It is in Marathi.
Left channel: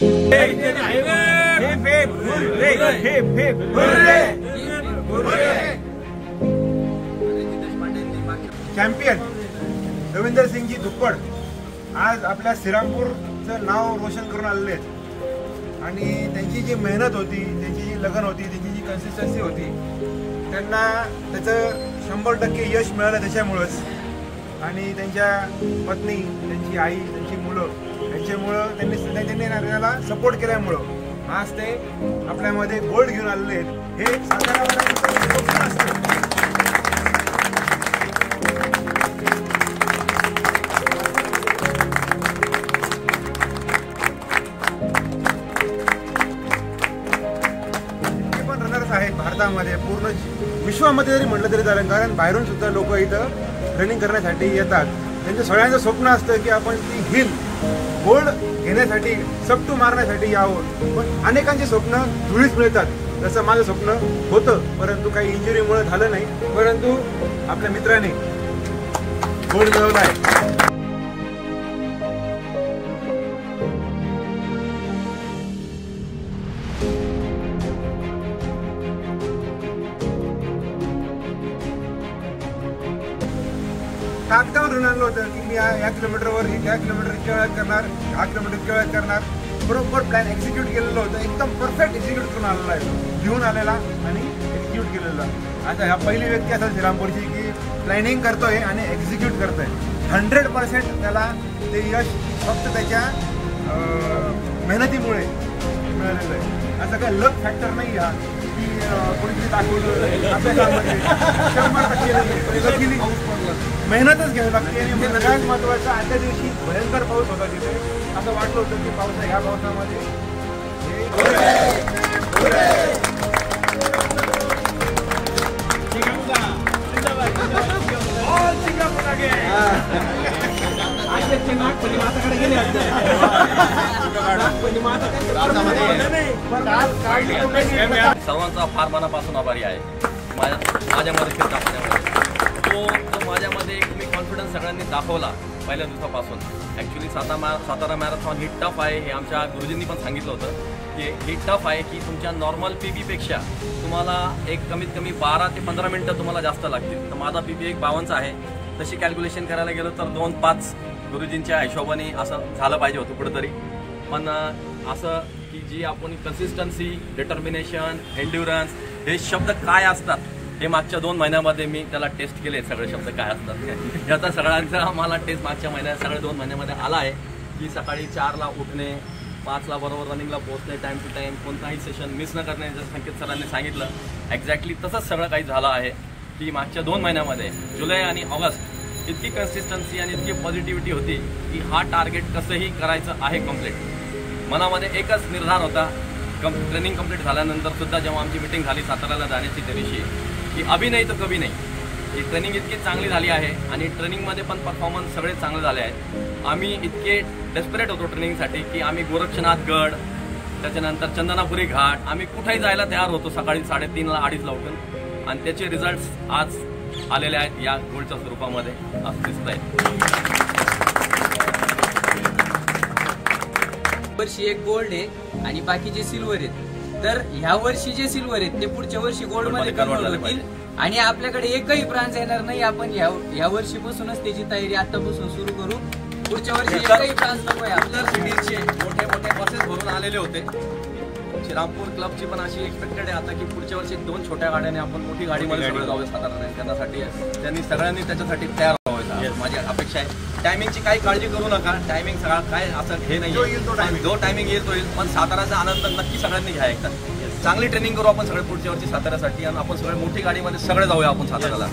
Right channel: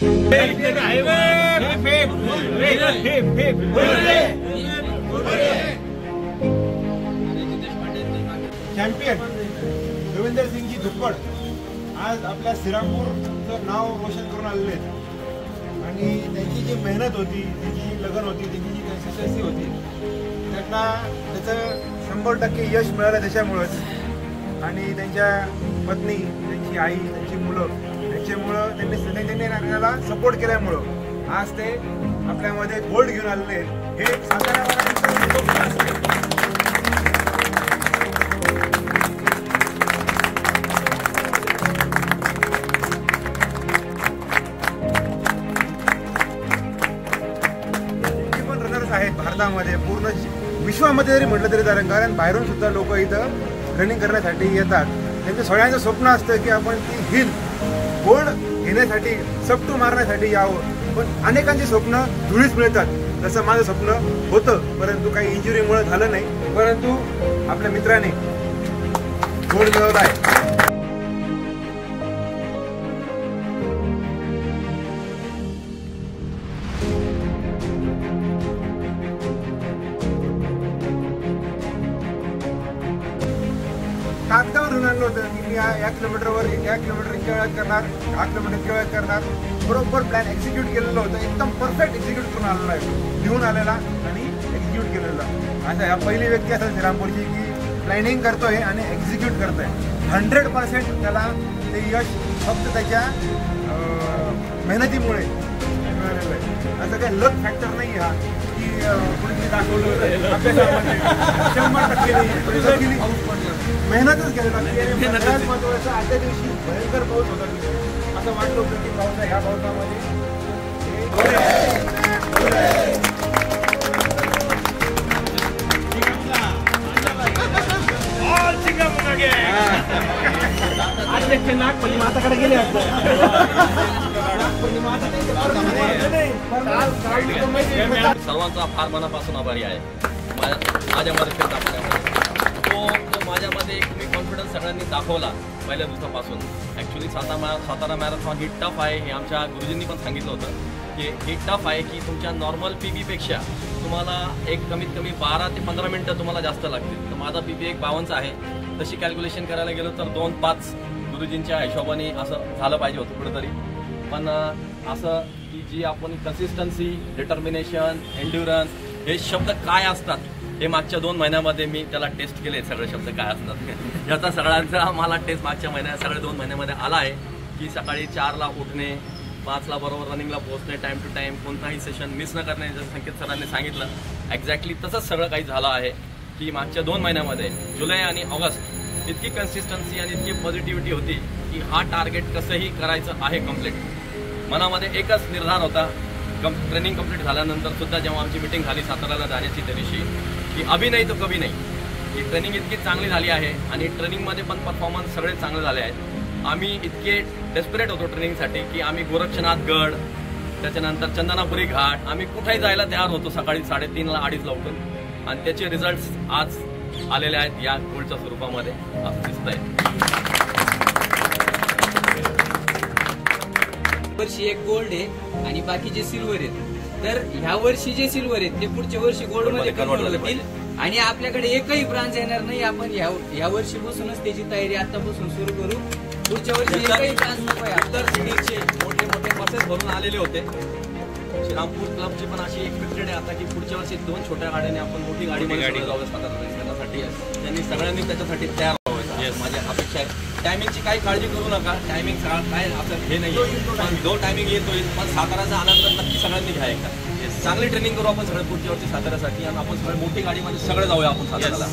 चॅम्पियन रविंदर सिंगजी धुप्पड आज आपल्या श्रीरामपूरचं नाव रोशन करून आलेले आहेत आणि त्यांची जी मेहनत होती, त्यांची जी लगन होती, त्यांची जी कन्सिस्टन्सी होती, त्यांना त्याचं 100% यश मिळालं त्याच्यामुळंच. आणि त्यांच्या पत्नी, त्यांची आई, त्यांची मुलं यांच्यामुळं त्यांनी नागरिकाला सपोर्ट केल्यामुळं आज ते आपल्यामध्ये गोल्ड घेऊन आलेले आहेत. हे साताऱ्यावाल्यांचं स्वप्न असतं. आहेत भारतामध्ये, पूर्ण विश्वामध्ये जरी म्हटलं तरी चालेल, कारण बाहेरून सुद्धा लोक इथं रनिंग करण्यासाठी येतात. त्यांचं सगळ्यांचं स्वप्न असतं की आपण ती हिल गोल्ड घेण्यासाठी, सपटू मारण्यासाठी यावं. पण अनेकांची स्वप्न धुळीस मिळतात. तसं माझं स्वप्न होतं, परंतु काही इंजुरीमुळे झालं नाही. परंतु आपल्या मित्राने गोल्ड मिळवला आहे. ताकदावर आणलं होतं की मी या किलोमीटरवर या किलोमीटर इतक्या वेळात करणार, 10 किलोमीटर इतक्या वेळात करणार. बरोबर प्लॅन एक्झिक्यूट केलेलं होतं, एकदम परफेक्ट एक्झिक्यूट करून आलेला आहे, लिहून आलेला आणि एक्झिक्यूट केलेला. आता ह्या पहिली व्यक्ती असेल श्रीरामपूरची की प्लॅनिंग करतोय आणि एक्झिक्यूट करतोय. 100% त्याला ते यश फक्त त्याच्या मेहनतीमुळे मिळालेलं आहे. आता काय लक फॅक्टर नाही हा की कोणतरी मेहनतच घ्यावी लागते. आणि सगळ्यात महत्त्वाचं, आजच्या दिवशी भयंकर पाऊस होता. असं वाटलं होतं की पावसा ह्या पावसामध्ये माताकडे गेले सर्वांचा फार मनापासून आभारी आहे. माझ्यामध्ये फिरता पाण्यामध्ये तो माझ्यामध्ये एक मी कॉन्फिडन्स सगळ्यांनी दाखवला पहिल्या दिवसापासून. ॲक्च्युली सातारा मॅरेथॉन ही टफ आहे हे आमच्या गुरुजींनी पण सांगितलं होतं की ही टफ आहे की तुमच्या नॉर्मल PB-पेक्षा तुम्हाला एक कमीत कमी 12 ते 15 मिनटं तुम्हाला जास्त लागतील. तर माझा PB एक 52 आहे. तशी कॅल्क्युलेशन करायला गेलो तर 2:05 गुरुजींच्या हिशोबाने असं झालं पाहिजे होतं कुठेतरी. पण असं की जी आपण कन्सिस्टन्सी, डिटर्मिनेशन, एन्ड्युरन्स हे शब्द काय असतात हे मागच्या 2 महिन्यामध्ये मी त्याला टेस्ट केले. सगळे शब्द काय असतात याचा सगळ्यांचा मला टेस्ट मागच्या सगळ्या 2 महिन्यामध्ये आला आहे. की सकाळी 4ला उठणे, 5ला बरोबर रनिंगला पोहोचणे, टाइम टू टाइम, कोणताही सेशन मिस न करणे, जसं संकेत सरांनी सांगितलं एक्झॅक्टली तसंच सगळं काही झालं आहे. की मागच्या 2 महिन्यामध्ये जुलै आणि ऑगस्ट इतकी कन्सिस्टन्सी आणि इतकी पॉझिटिव्हिटी होती की हा टार्गेट कसंही करायचं आहे कम्प्लीट. मनामध्ये एकच निर्धार होता. ट्रेनिंग कम्प्लीट झाल्यानंतर सुद्धा जेव्हा आमची मिटिंग झाली साताऱ्याला जाण्याची त्या दिवशी की अभी नाही तो कभी नाही. ही ट्रेनिंग इतकी चांगली झाली आहे आणि ट्रेनिंगमध्ये पण परफॉर्मन्स सगळे चांगले झाले आहेत. आम्ही इतके डेस्परेट होतो ट्रेनिंगसाठी की आम्ही गोरक्षनाथ गड, त्याच्यानंतर चंदनापुरी घाट, आम्ही कुठेही जायला तयार होतो सकाळी 3:30ला 2:30ला उठून. आणि त्याचे रिझल्ट्स आज आलेले आहेत या गोल्डच्या स्वरूपामध्ये आज दिसत आहेत. वर्षी एक गोल्ड आहे आणि बाकीचे सिल्वर आहेत. तर ह्या वर्षी जे सिल्वर आहेत ते पुढच्या वर्षी गोल्ड मध्ये कन्वर्ट होतील आणि आपल्याकडे एकही ब्रांच येणार नाही. आपण ह्या वर्षीपासूनच त्याची तयारी आतापासून सुरू करू. पुढच्या वर्षी एकही ब्रांच नको आहे. आपल्या सिटीचे मोठे मोठे बसेस भरून आलेले होते. श्रीरामपूर क्लबची पण अशी एक्सपेक्टेड आहे आता की पुढच्या वर्षी 2 छोट्या गाड्याने आपण मोठी गाडीमध्ये सगळं जाऊया सातारा रेस करण्यासाठी. त्यांनी सगळ्यांनी त्याच्यासाठी तयार व्हावं माझी अपेक्षा आहे. टायमिंगची काही काळजी करू नका. टायमिंग सगळं काय असं हे नाही, जो टायमिंग येईल तो येईल. पण साताराचा आनंद नक्की सगळ्यांनी घ्या. एकदा चांगली ट्रेनिंग करू आपण सगळे पुढच्या वर्षी साताऱ्यासाठी आणि आपण सगळे मोठी गाडीमध्ये सगळे जाऊया आपण साताऱ्याला.